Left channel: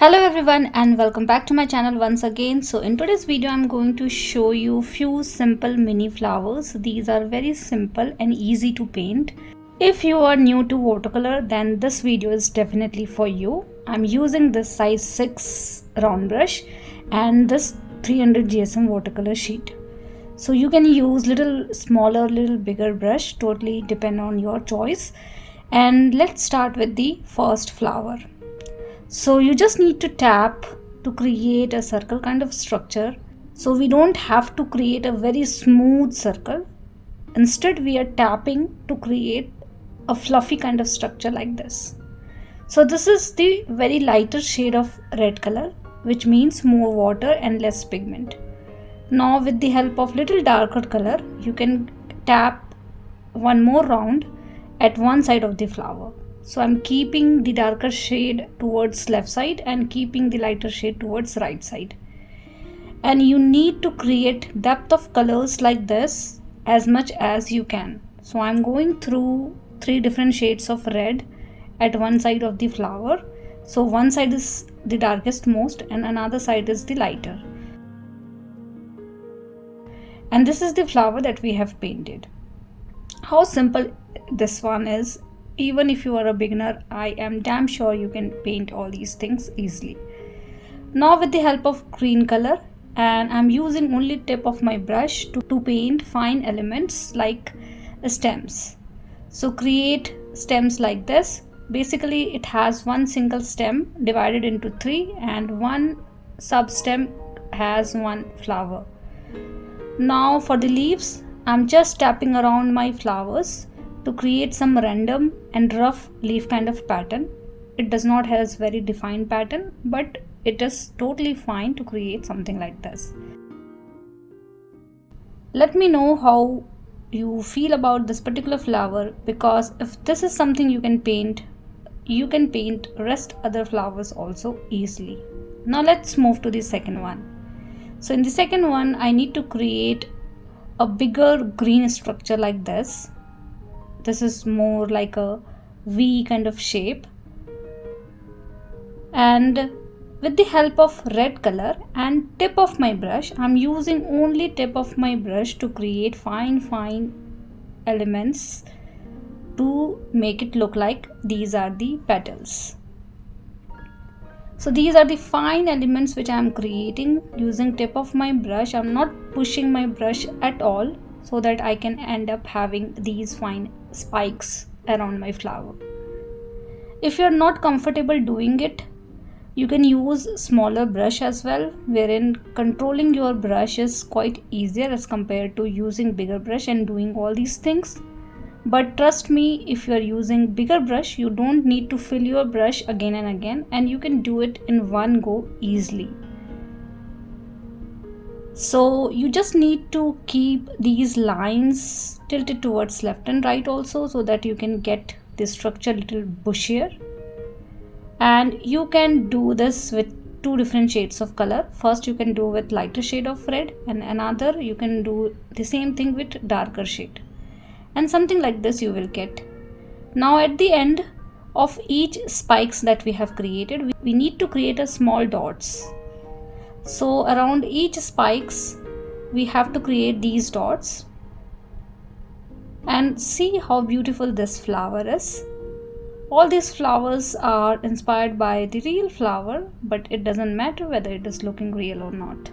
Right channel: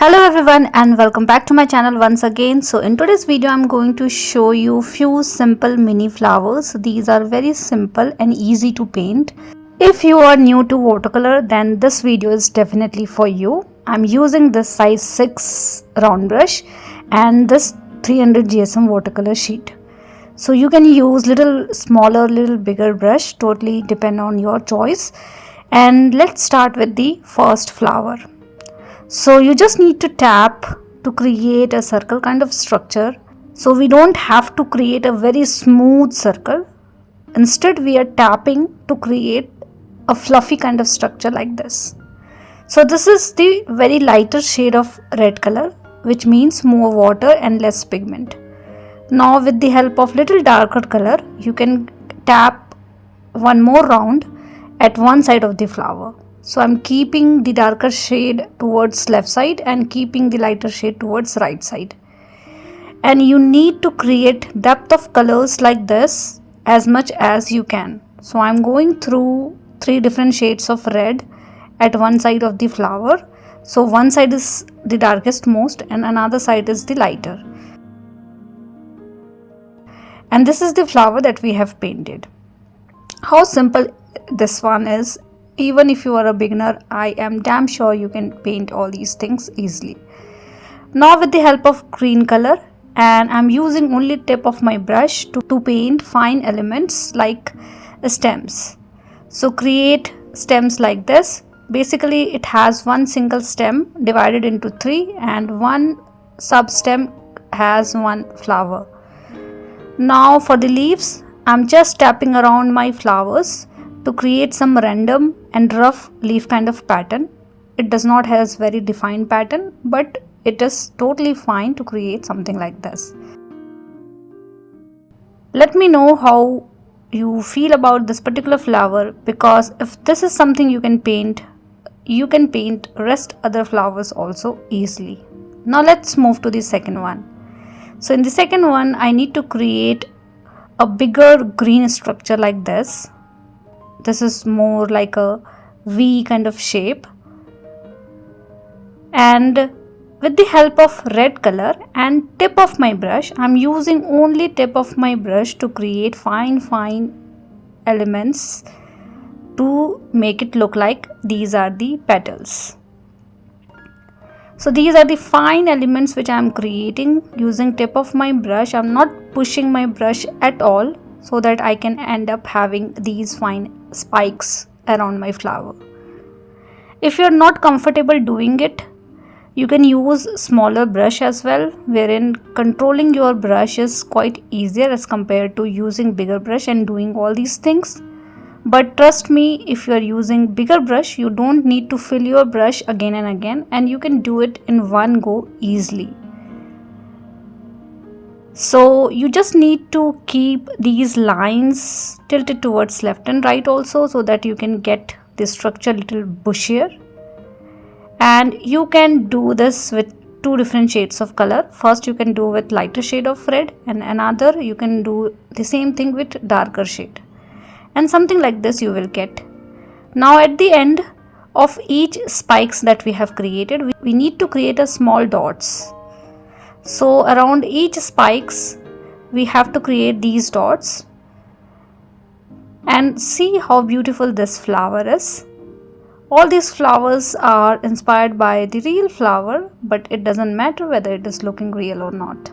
Hello everyone and welcome back to my channel once again. So in today's video I'm going to show you few simple mini flowers. These are very simple and easy to paint. If you are new to watercolor, then this video is definitely for you. I'm using this size 6 round brush and this 300 GSM watercolor sheet. So you can use little smaller, little bigger brush, totally depend on your choice. And let's start with the first flower. So you just need to tap to create a circle kind of structure. So we don't have to create a very smooth circle. Instead we are tapping to create a fluffy kind of structure like this. So this is the very lighter shade of red color, which means more water and less pigment. Now with the help of little darker color, you can tap one more round at one side of the flower. So I'm keeping the darker shade towards left side and keeping the lighter shade towards right side. And you need to create depth of colors like this as much as you can. So I'm going through 3 different shades of red at one side of the flower. So one side is the darkest most and another side is the lighter. And this is the flower that we have painted. How simple this one is. Even if you are a beginner, I am damn sure you can paint all these things easily. Now with the help of green color, and I'm using only tip of my brush to paint fine elements like stems. So create stems like this. Basically it has one single stem divided into 3 and one sub stem has one flower. Now for the leaves, I'm just tapping around my flowers to create some random and rough leaf kind of pattern. It does not have very defined pattern, but it is totally fine to create something like this. Let me know how you feel about this particular flower, because if this is something you can paint rest other flowers also easily. Now let's move to the second one. So in the second one, I need to create a bigger green structure like this. This is more like a V kind of shape, and with the help of red color and tip of my brush, I'm using only tip of my brush to create fine elements to make it look like these are the petals. So these are the fine elements which I am creating using tip of my brush. I'm not pushing my brush at all, so that I can end up having these fine spikes around my flower. If you're not comfortable doing it, you can use smaller brush as well, wherein controlling your brush is quite easier as compared to using bigger brush and doing all these things. But trust me, if you are using bigger brush, you don't need to fill your brush again and again, and you can do it in one go easily. So you just need to keep these lines tilted towards left and right also, so that you can get the structure little bushier. And you can do this with 2 different shades of color. First you can do with lighter shade of red, and another you can do the same thing with darker shade. And something like this you will get. Now at the end of each spikes that we have created, we need to create a small dots. So around each spikes we have to create these dots, and see how beautiful this flower is. All these flowers are inspired by the real flower, but it doesn't matter whether it is looking real or not.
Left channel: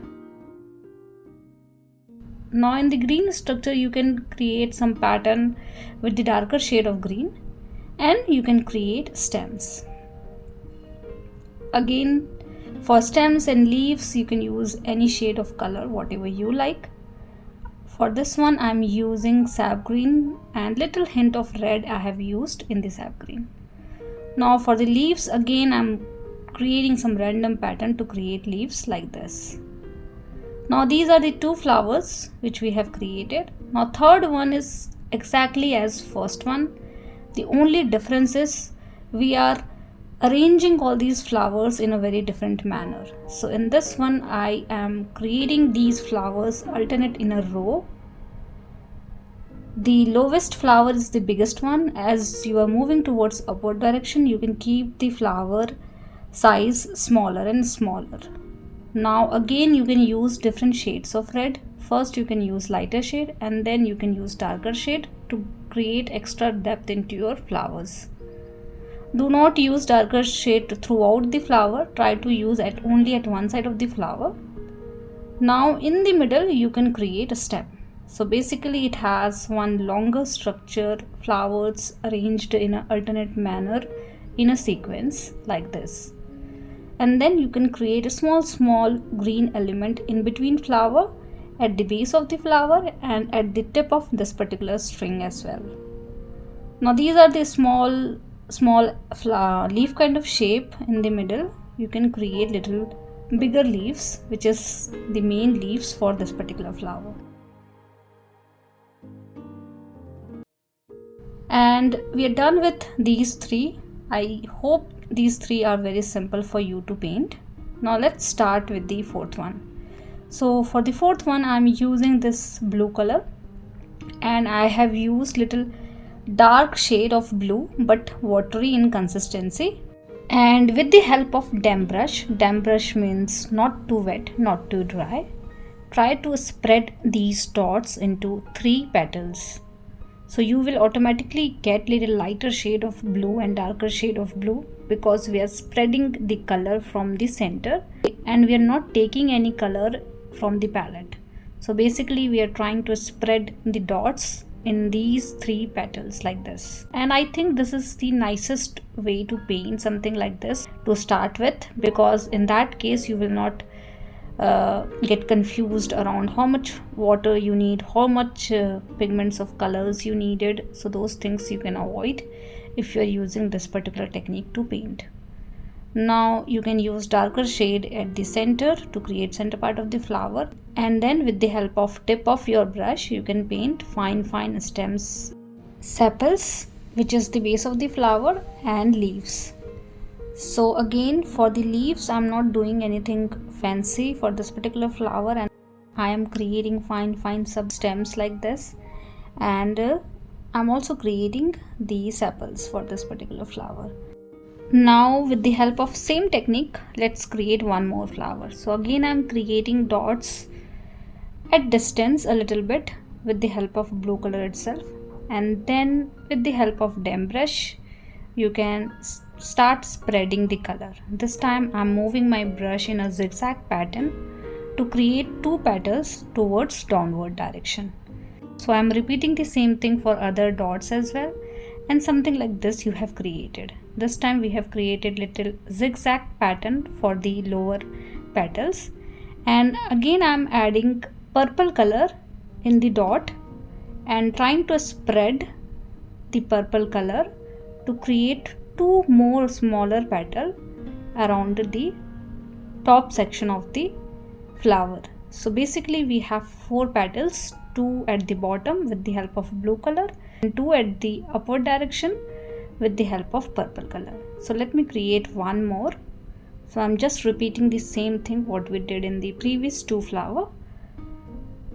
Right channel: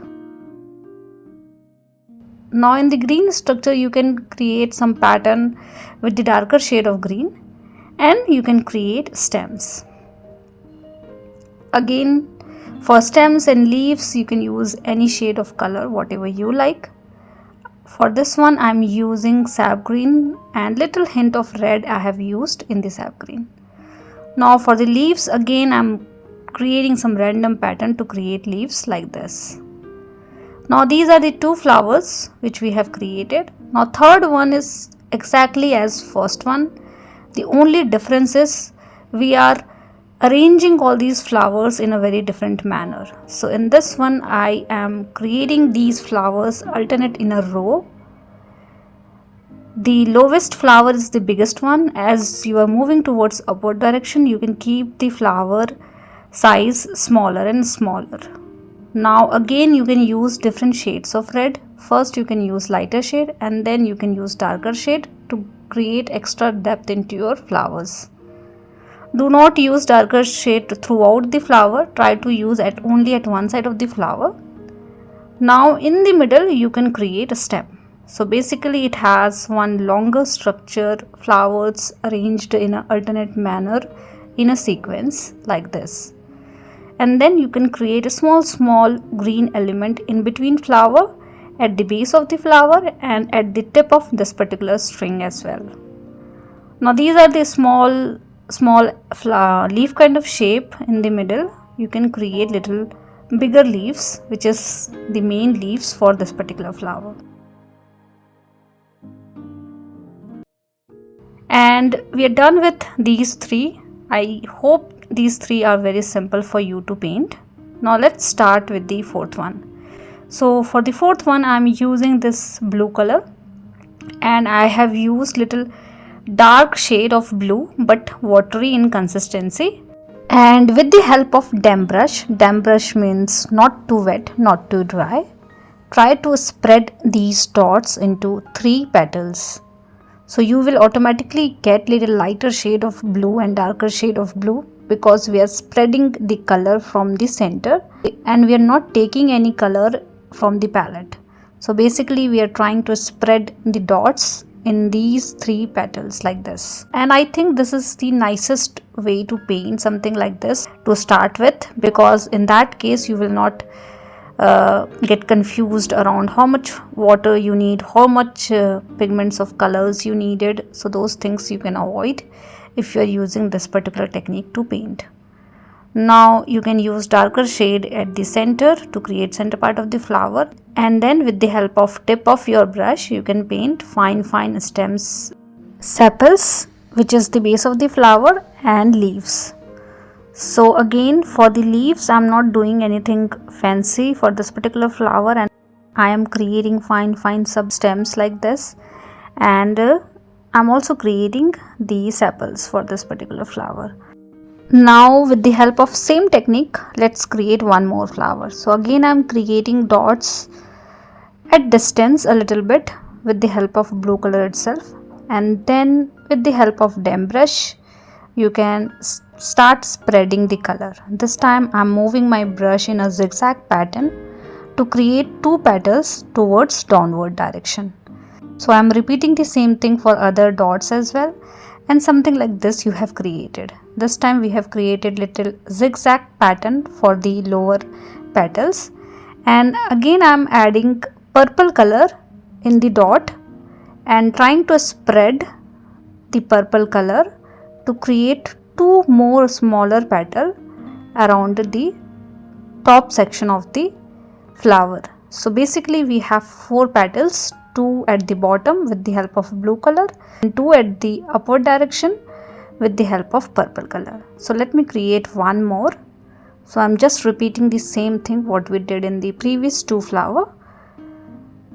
Now in the green structure you can create some pattern with the darker shade of green, and you can create stems. Again, for stems and leaves you can use any shade of color, whatever you like. For this one I'm using sap green, and little hint of red I have used in the sap green. Now for the leaves, again I'm creating some random pattern to create leaves like this. Now these are the 2 flowers which we have created. Now third one is exactly as first one. The only difference is we are arranging all these flowers in a very different manner. So in this one I am creating these flowers alternate in a row. The lowest flower is the biggest one. As you are moving towards upward direction, you can keep the flower size smaller and smaller. Now again you can use different shades of red. First you can use lighter shade and then you can use darker shade to create extra depth into your flowers. Do not use darker shade throughout the flower. Try to use only at one side of the flower. Now in the middle you can create a stem. So basically it has one longer structure, flowers arranged in an alternate manner in a sequence like this. And then you can create a small green element in between flower, at the base of the flower and at the tip of this particular string as well. Now these are the small leaf kind of shape in the middle. You can create little bigger leaves, which is the main leaves for this particular flower. And we are done with these three. I hope these three are very simple for you to paint. Now let's start with the fourth one. So for the fourth one I am using this blue color, and I have used little dark shade of blue but watery in consistency. And with the help of damp brush means not too wet, not too dry, try to spread these dots into 3 petals. So you will automatically get little lighter shade of blue and darker shade of blue, because we are spreading the color from the center and we are not taking any color from the palette. So basically we are trying to spread the dots in these 3 petals like this. And I think this is the nicest way to paint something like this to start with, because in that case you will not get confused around how much water you need, how much pigments of colors you needed. So those things you can avoid if you are using this particular technique to paint. Now you can use darker shade at the center to create center part of the flower, and then with the help of tip of your brush you can paint fine stems, sepals, which is the base of the flower, and leaves. So again for the leaves I'm not doing anything fancy for this particular flower, and I am creating fine sub stems like this, and I'm also creating the sepals for this particular flower. Now with the help of same technique, let's create one more flower. So again I'm creating dots at distance a little bit with the help of blue color itself, and then with the help of damp brush you can start spreading the color. This time I'm moving my brush in a zigzag pattern to create 2 petals towards downward direction. So I'm repeating the same thing for other dots as well, and something like this you have created. This time we have created little zigzag pattern for the lower petals, and again I am adding purple color in the dot and trying to spread the purple color to create 2 more smaller petal around the top section of the flower. So basically we have 4 petals, 2 at the bottom with the help of blue color and 2 at the upward direction with the help of purple color. So let me create one more. So I'm just repeating the same thing what we did in the previous 2 flower,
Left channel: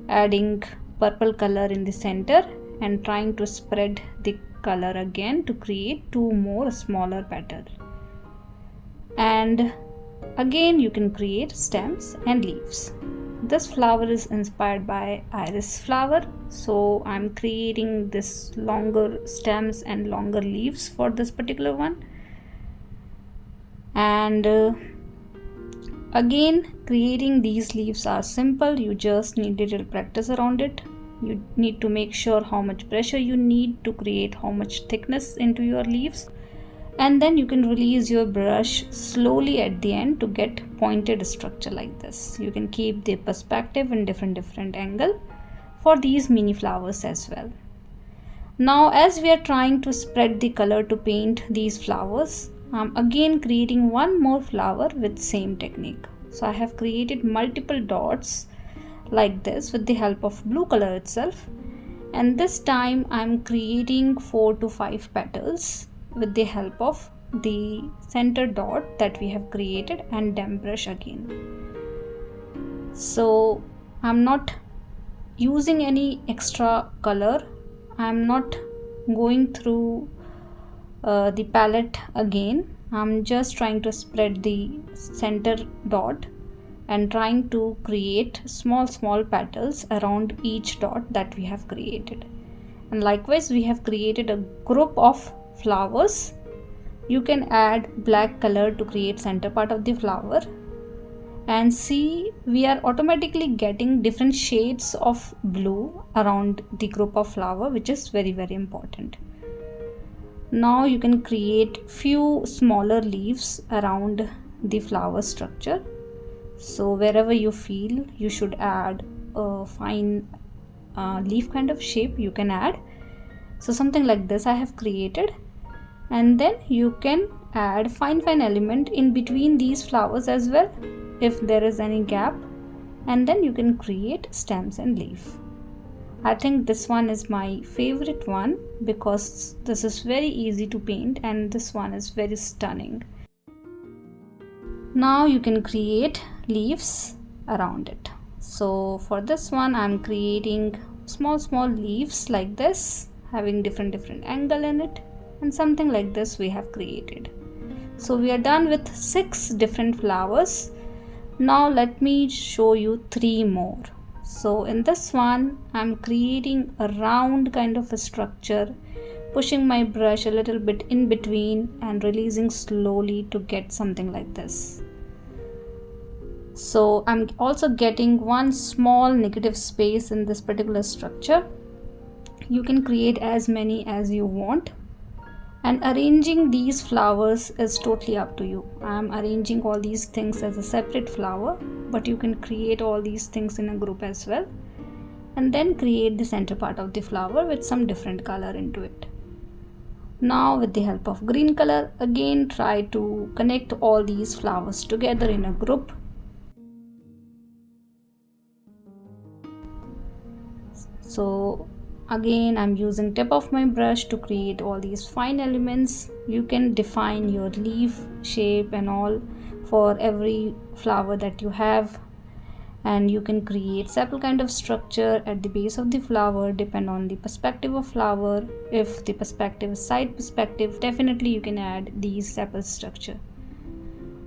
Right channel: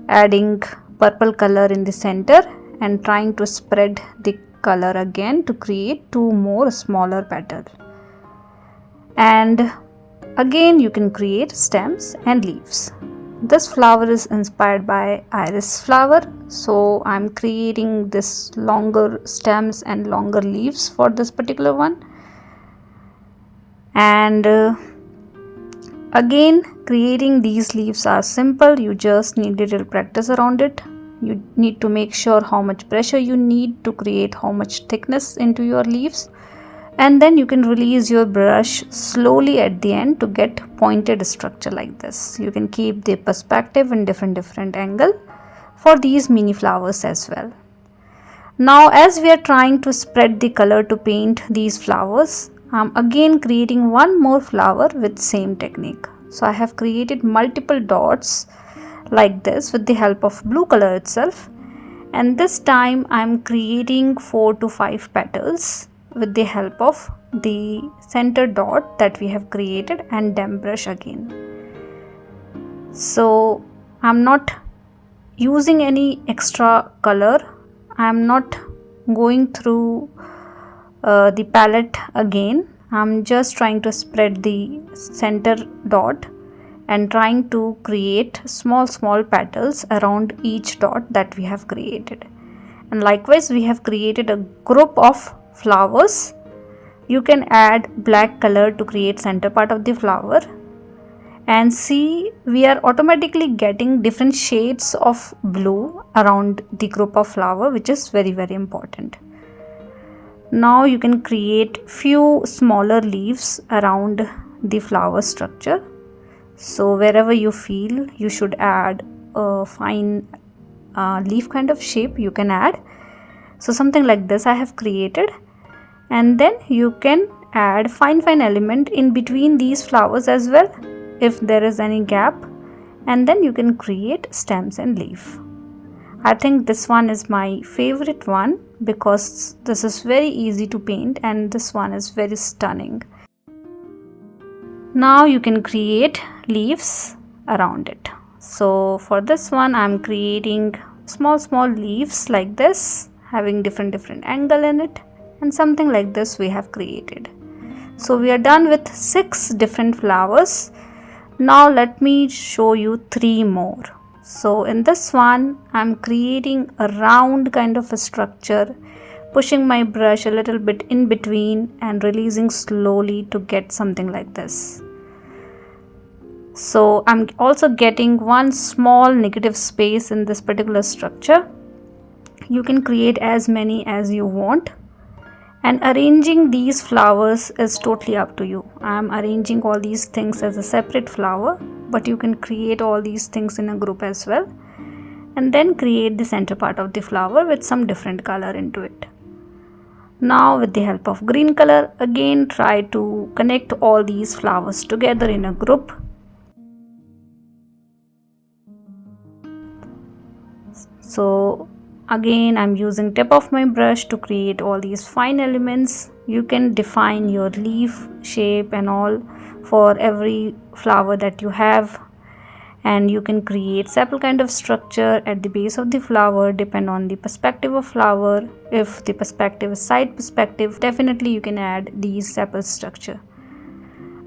adding purple color in the center and trying to spread the color again to create 2 more smaller petals. And again you can create stems and leaves. This flower is inspired by iris flower, so I'm creating this longer stems and longer leaves for this particular one. And again creating these leaves are simple, you just need a little practice around it. You need to make sure how much pressure you need to create how much thickness into your leaves, and then you can release your brush slowly at the end to get pointed structure like this. You can keep the perspective in different angle for these mini flowers as well. Now as we are trying to spread the color to paint these flowers, I'm again creating one more flower with same technique. So I have created multiple dots like this with the help of blue color itself, and this time I'm creating 4 to 5 petals with the help of the center dot that we have created and damp brush again. So I'm not using any extra color, I'm not going through the palette again. I'm just trying to spread the center dot and trying to create small petals around each dot that we have created. And likewise, we have created a group of flowers. You can add black color to create center part of the flower, and see, we are automatically getting different shades of blue around the group of flower, which is very important. Now you can create few smaller leaves around the flower structure. So wherever you feel you should add a fine leaf kind of shape, you can add. So something like this I have created, and then you can add fine element in between these flowers as well if there is any gap, and then you can create stems and leaf. I think this one is my favorite one because this is very easy to paint and this one is very stunning. Now you can create leaves around it. So for this one I'm creating small leaves like this, having different angle in it, and something like this we have created. So we are done with 6 different flowers. Now let me show you 3 more. So in this one I'm creating a round kind of a structure, pushing my brush a little bit in between and releasing slowly to get something like this. So I'm also getting one small negative space in this particular structure. You can create as many as you want, and arranging these flowers is totally up to you. I'm arranging all these things as a separate flower, but you can create all these things in a group as well, and then create the center part of the flower with some different color into it. Now with the help of green color, again try to connect all these flowers together in a group. So again I'm using tip of my brush to create all these fine elements. You can define your leaf shape and all for every flower that you have, and you can create sepal kind of structure at the base of the flower, depend on the perspective of flower. If the perspective is side perspective, definitely you can add these sepal structure.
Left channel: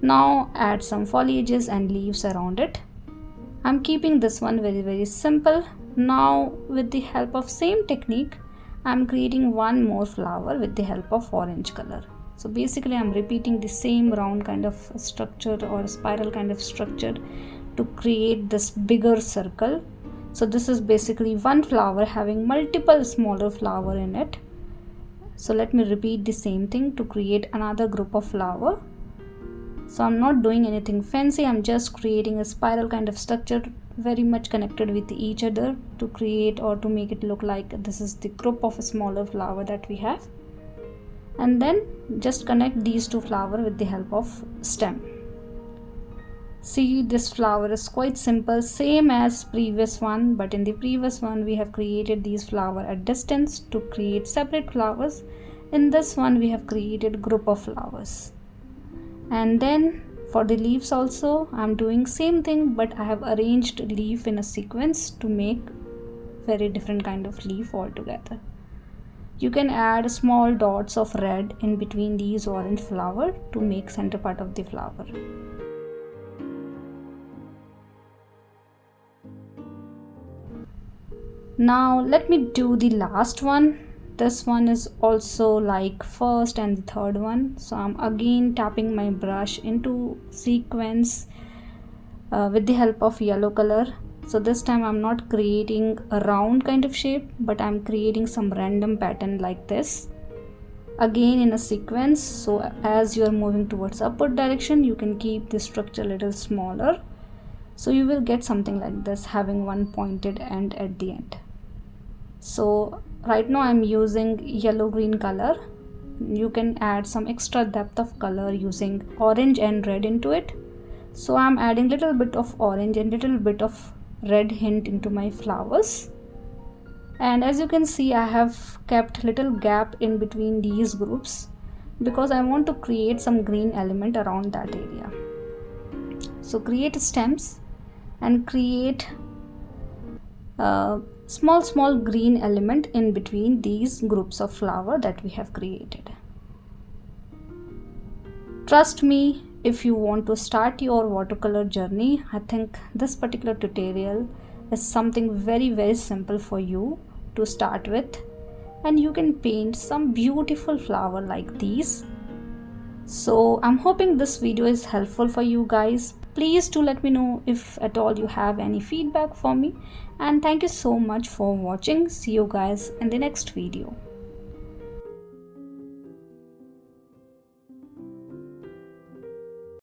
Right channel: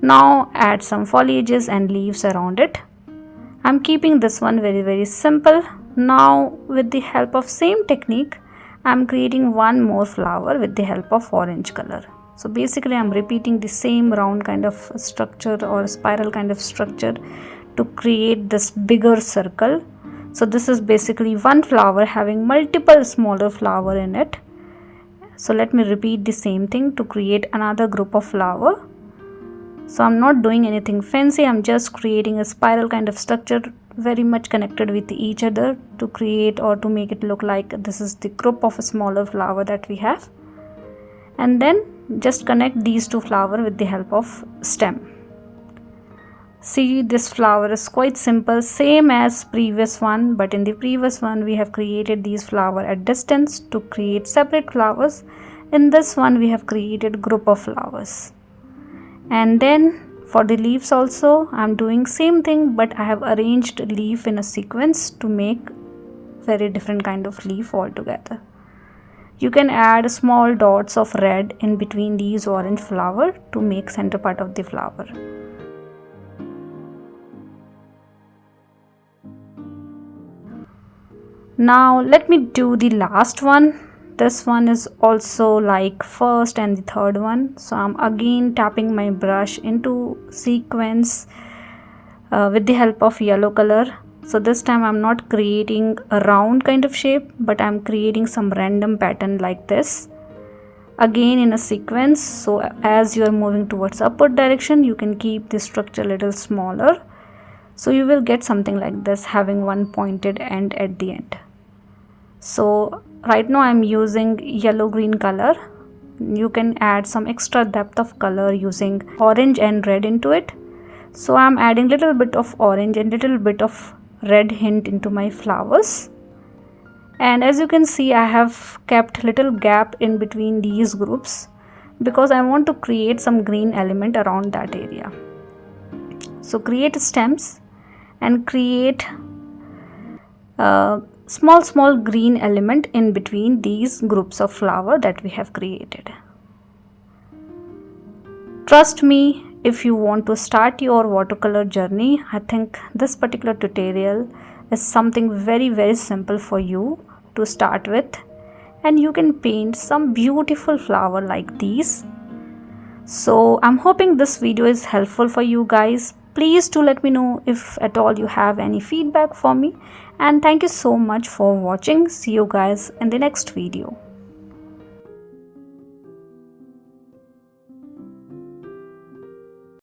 Now add some foliages and leaves around it. I'm keeping this one very simple. Now with the help of same technique, I'm creating one more flower with the help of orange color. So basically I'm repeating the same round kind of structure or spiral kind of structure to create this bigger circle. So this is basically one flower having multiple smaller flower in it. So let me repeat the same thing to create another group of flower. So I'm not doing anything fancy, I'm just creating a spiral kind of structure very much connected with each other to create or to make it look like this is the group of a smaller flower that we have, and then just connect these 2 flowers with the help of stem. See, this flower is quite simple, same as previous one, but in the previous one we have created these flowers at distance to create separate flowers. In this one we have created group of flowers. And then for the leaves also I'm doing same thing, but I have arranged leaf in a sequence to make very different kind of leaf altogether. You can add small dots of red in between these orange flower to make center part of the flower. Now let me do the last one. This one is also like first and the third one. So I'm again tapping my brush into sequence with the help of yellow color. So this time I'm not creating a round kind of shape, but I'm creating some random pattern like this, again in a sequence. So as you are moving towards upward direction, you can keep the structure a little smaller, so you will get something like this, having one pointed end at the end. So right now I'm using yellow green color. You can add some extra depth of color using orange and red into it. So I'm adding little bit of orange and little bit of red hint into my flowers, and as you can see I have kept little gap in between these groups because I want to create some green element around that area. So create stems and create small green element in between these groups of flower that we have created. Trust me, if you want to start your watercolor journey, I think this particular tutorial is something very simple for you to start with, and you can paint some beautiful flower like these. So I'm hoping this video is helpful for you guys. Please do let me know if at all you have any feedback for me, and thank you so much for watching. See you guys in the next video.